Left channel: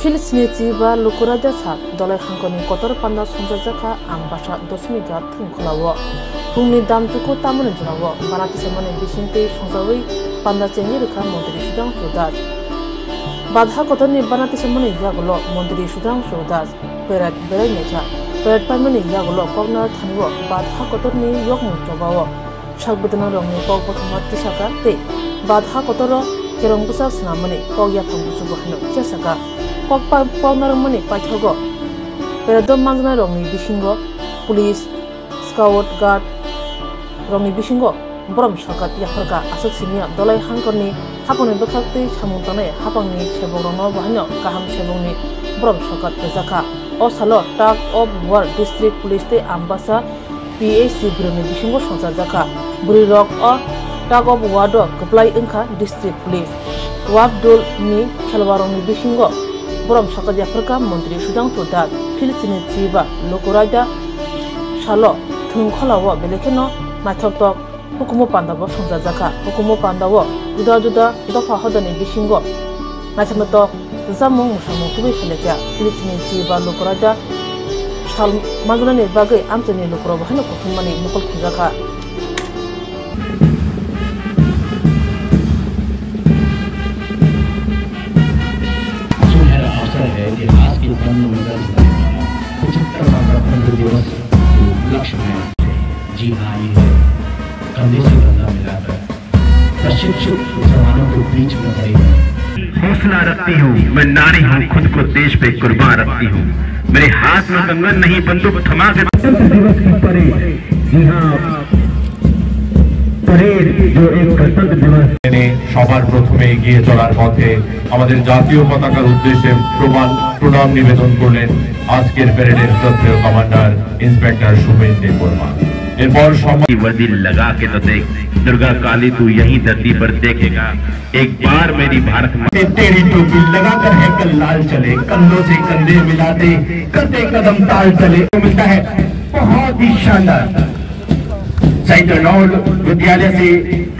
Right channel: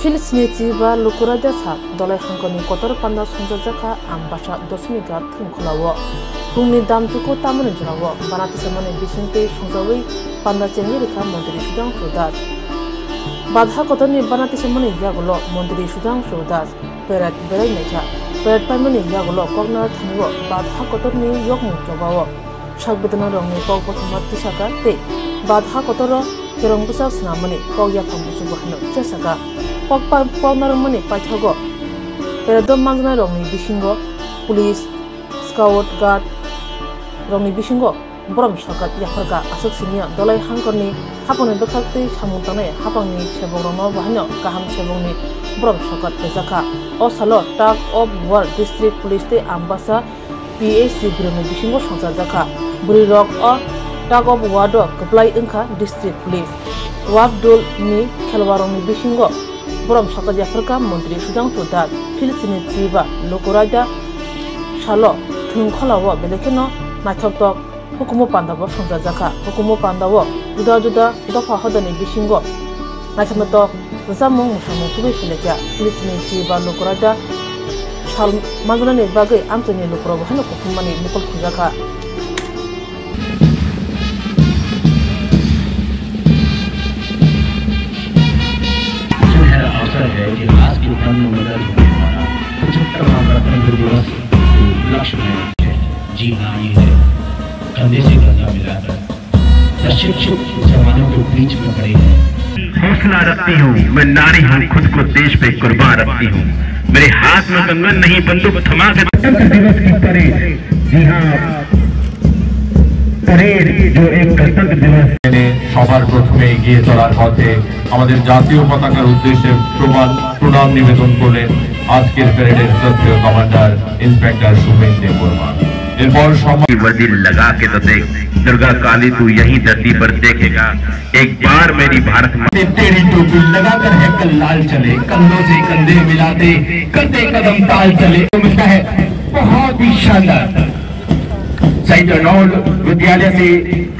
Filistiniti ba lukuraja sa dolai hangkoni kotor panda sonjajaka ambasha dosmiga thungkholawo phungni damjuko tamone jurawo banati samane bisingte songjawi panda chengi rekha mantri sudang sodas badha kotorni banati samane yagulo mantri sudang sodas perat berai necha perat paimani yagulo kogna thaniwo badha kotorni yokmu jobawo shagbedana rongni kog pothoma tisaka te badha kotoro kerong busa snamani kogya phambusu bahno chesaka Kokpa Pognaramani Paithago Peradom Manzana Rongni Bishingo Police Scout Guard Rongni Bishingo Brom Shakat Yafarga Asok Simia Dolai Hankoni Hapon Bekakti Chamutane Hapangni Cheborono Bahino Kaham Chebongni Brom Shakat Bezaka Osalo Tag of War District Police Te Ambasa PAC Broni Bishingo Shonsazaka Buri Rock or Tag of Wado Kaplai Inka District Police Wabdul Ni Kelwaroni Bishingo Borom Shakat Yafarka Mantri Sudang Sodat Filistiniti ba Lukuraja Shalo Thungkholawo belekeno Naithoktok Hukumu Pandawo Songjajaka Hukumu Pandawo Juda Dofa Hodani Bishingo Naithamatok Zamung Musamung Tubi Fileja Filistiniti ba Lukuraja Shal Manzanani Bagai Amtani Lukurawo Hano Kutumani Mukul Khujaka है कि आज के पन्नों में दर्ज होने वाला 75वां गणतंत्र दिवस लक्ष्य में जी हाँ ये कंधे से कंधा मिलाकर प्रशिक्षित जवानों के बीच में खड़े हौसला रखती हूँ मैं नारी हूँ खुद को देश पे कुर्बान रखती हूँ मेरे हाथ में कंगन नहीं बंदूक थमा के दिवस की परेड जी हाँ परेड जो एक गणतंत्र दिवस সবার প্রথমে এগিয়ে চলার পথে আমাদের জাতীয় পতাকার উদ্দেশ্যে প্রণাম নিবেদন করলেন আজকের প্যারেডের শ্রদ্ধেয় কমান্ডার ইন্সপেক্টর সুমেন্দ্র বর্মা এরপর সময় वर्दी लगा के तो देख दुर्गा काली तू यही धरती पर देखेगा एक बार मेरी भारत माँ तेरी टोपी लगाकर है कल लाल चले कंधों से कंधे मिलाते कदे कदम ताल चले मिलता है बहुत ही शानदार साइटनौल विद्यालय से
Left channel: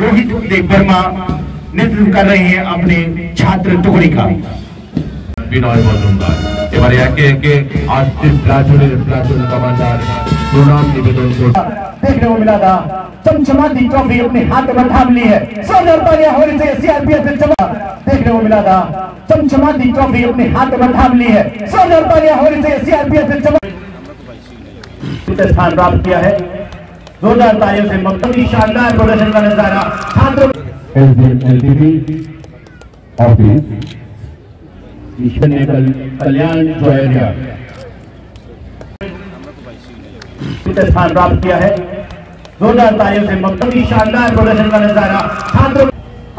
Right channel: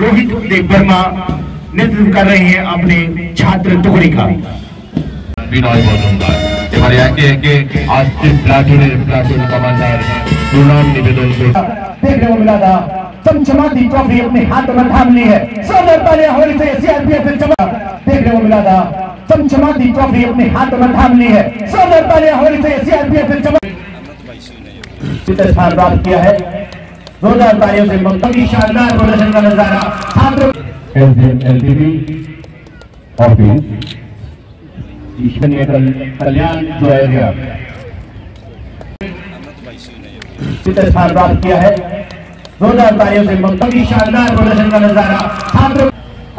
रोहित देव वर्मा नेतृत्व कर रहे हैं अपने छात्र टुकड़ी का বিনয় মজুমদার এবারে একে একে আজকের প্লাটুন কমান্ডার প্রণাম নিবেদন করছেন देख रहे हो मिला था चमचमाती ट्रॉफी अपने हाथ में थाम ली है सोलर तालियां होनी चाहिए सीआरपीएफ देख रहे हो मिला था चमचमाती ट्रॉफी अपने हाथ में थाम ली है सोलर तालियां होनी चाहिए सीआरपीएफ स्थान प्राप्त किया है जोरदार तालियों से मंत्री शानदार प्रदर्शन का नजारा छात्रों एलबीबी ऑफिस ईश्वरीय कल्याण जो है स्थान प्राप्त किया है जोरदार तालियों से मंत्री शानदार प्रदर्शन का नजारा छात्रों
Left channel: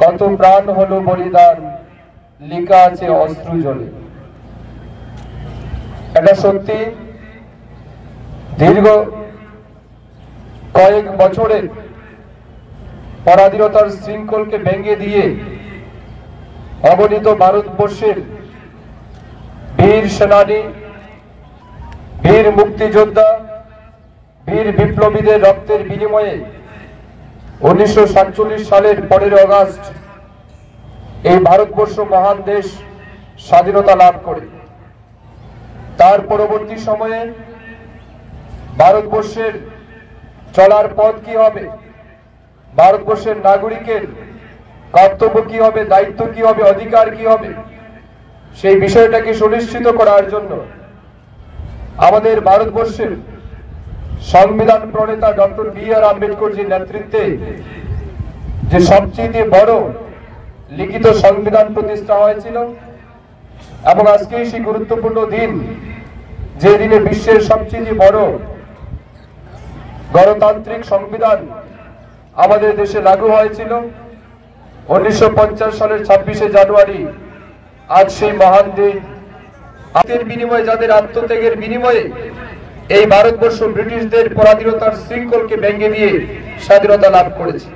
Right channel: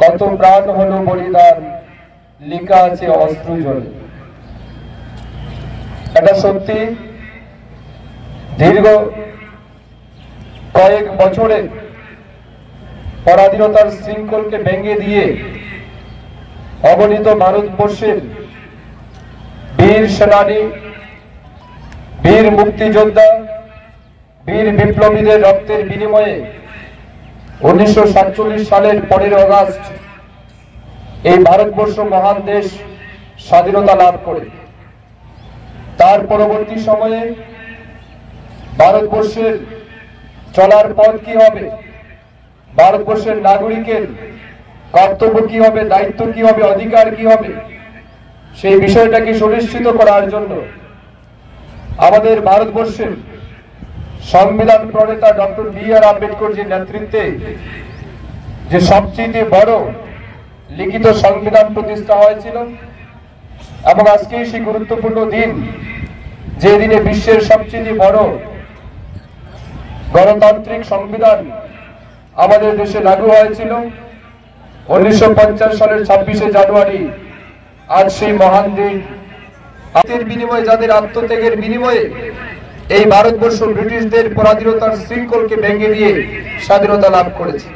কত প্রাণ হলো বলিদান লেখা আছে অস্ত্র জলে এটা সত্যি দীর্ঘ কয়েক বছরের পরাধীনতার শৃঙ্খলকে ভেঙে দিয়ে অগণিত ভারতবর্ষের বীর সেনানী বীর মুক্তিযোদ্ধা বীর বিপ্লবীদের রক্তের বিনিময়ে 1947 সালের 15 আগস্ট এই ভারতবর্ষ মহান দেশ স্বাধীনতা লাভ করে তার পরবর্তী সময়ে ভারতবর্ষের চলার পথ কি হবে ভারতবর্ষের নাগরিকের কর্তব্য কি হবে দায়িত্ব কি হবে অধিকার কি হবে সেই বিষয়টাকে সুনিশ্চিত করার জন্য আমাদের ভারতবর্ষের সংবিধান প্রণেতা ডক্টর বি.আর. আম্বেদকরজির নেতৃত্বে যে সবচেয়ে বড় লিখিত সংবিধান প্রতিষ্ঠা হয়েছিল এবং আজকে সেই গুরুত্বপূর্ণ দিন যে দিনে বিশ্বের সবচেয়ে বড় গণতান্ত্রিক সংবিধান আমাদের দেশে লাগু হয়েছিল 1950 সালের 26শে জানুয়ারি আজ সেই মহান দিন আত্মের বিনিময়ে যাদের আত্মত্যাগের বিনিময়ে এই ভারতবর্ষ ব্রিটিশদের পরাধীনতার শৃঙ্খলকে ভেঙে দিয়ে স্বাধীনতা লাভ করেছে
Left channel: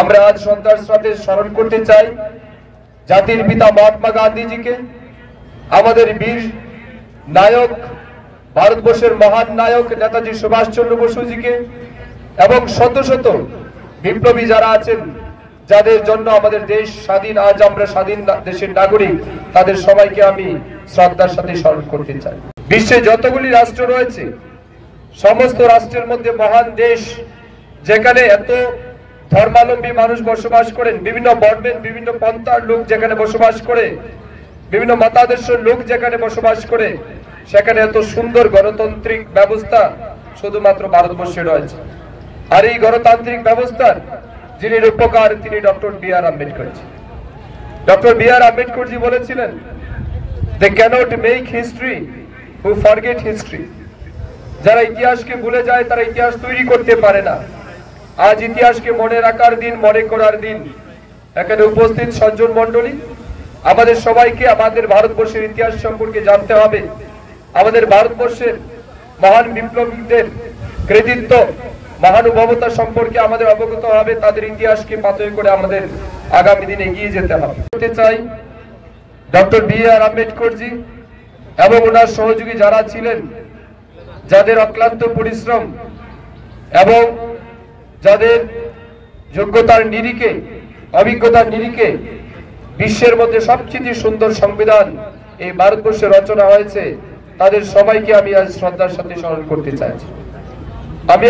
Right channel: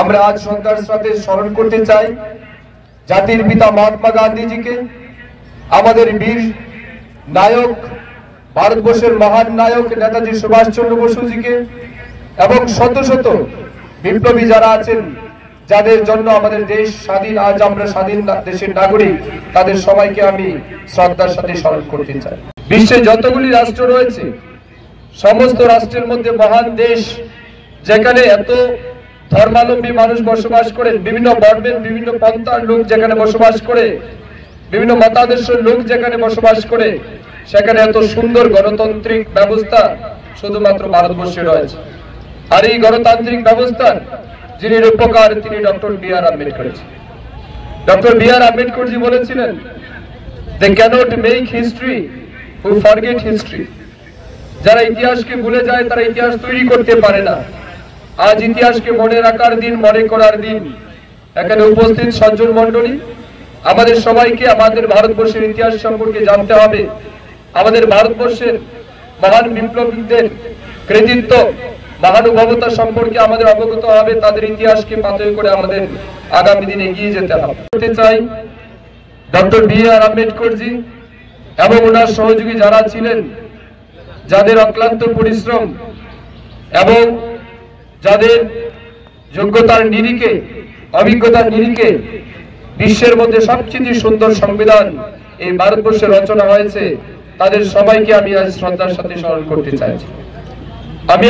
আমরা আজ সন্ধ্যার সাথে স্মরণ করতে চাই জাতির পিতা মহাত্মা গান্ধীজিকে আমাদের বীর নায়ক ভারতবর্ষের মহান নায়ক নেতাজি সুভাষচন্দ্র বসুজিকে এবং শত শত বিপ্লবী যারা আছেন যাদের জন্য আমাদের দেশ স্বাধীন, আজ আমরা স্বাধীন দেশের নাগরিক, তাদের সবাইকে আমি শ্রদ্ধার সাথে স্মরণ করতে চাই। বিশ্বে যতগুলি রাষ্ট্র রয়েছে, সমস্ত রাষ্ট্রের মধ্যে মহান দেশ, যেখানে এত ধর্মাবলম্বী মানুষ বসবাস করেন, বিভিন্ন বর্ণের বিভিন্ন পন্থার লোক যেখানে বসবাস করে, বিভিন্ন মতাদর্শের লোক যেখানে বসবাস করে, সেখানে এত সুন্দর গণতান্ত্রিক ব্যবস্থা শুধুমাত্র ভারতবর্ষে রয়েছে। আর এই গণতান্ত্রিক ব্যবস্থার যিনি রূপকার, তিনি doctor B R. Ambedkar. Doctor B R. Ambedkar ji বলেছিলেন, they cannot make history who forget history। যারা ইতিহাসকে ভুলে যায় তারা ইতিহাস তৈরি করতে পারে না। আজ ইতিহাসকে মনে রাখার দিন, মনে করার দিন। এখানে উপস্থিত সজ্জন মণ্ডলী, আমাদের সবাইকে আমাদের ভারতবর্ষের ইতিহাস সম্পর্কে জানতে হবে। আমাদের ভারতবর্ষের মহান বিপ্লবীদের কৃতিত্ব, মহানুভবতা সম্পর্কে আমাদের অবগত হবে। তাদের ইতিহাসকে পাথেয় করে আমাদের আগামী দিনে এগিয়ে যেতে হবে। চাই ডক্টর বি.আর. আম্বেদকর জি এবং ওনার সহযোগী যারা ছিলেন, যাদের অক্লান্ত পরিশ্রম এবং যাদের যোগ্যতার নিরিখে, অভিজ্ঞতার নিরিখে বিশ্বের মধ্যে সবচেয়ে সুন্দর সংবিধান এই ভারতবর্ষে রচনা হয়েছে, তাদের সবাইকে আমি আজ শ্রদ্ধার সাথে স্মরণ করতে চাইছি। আমি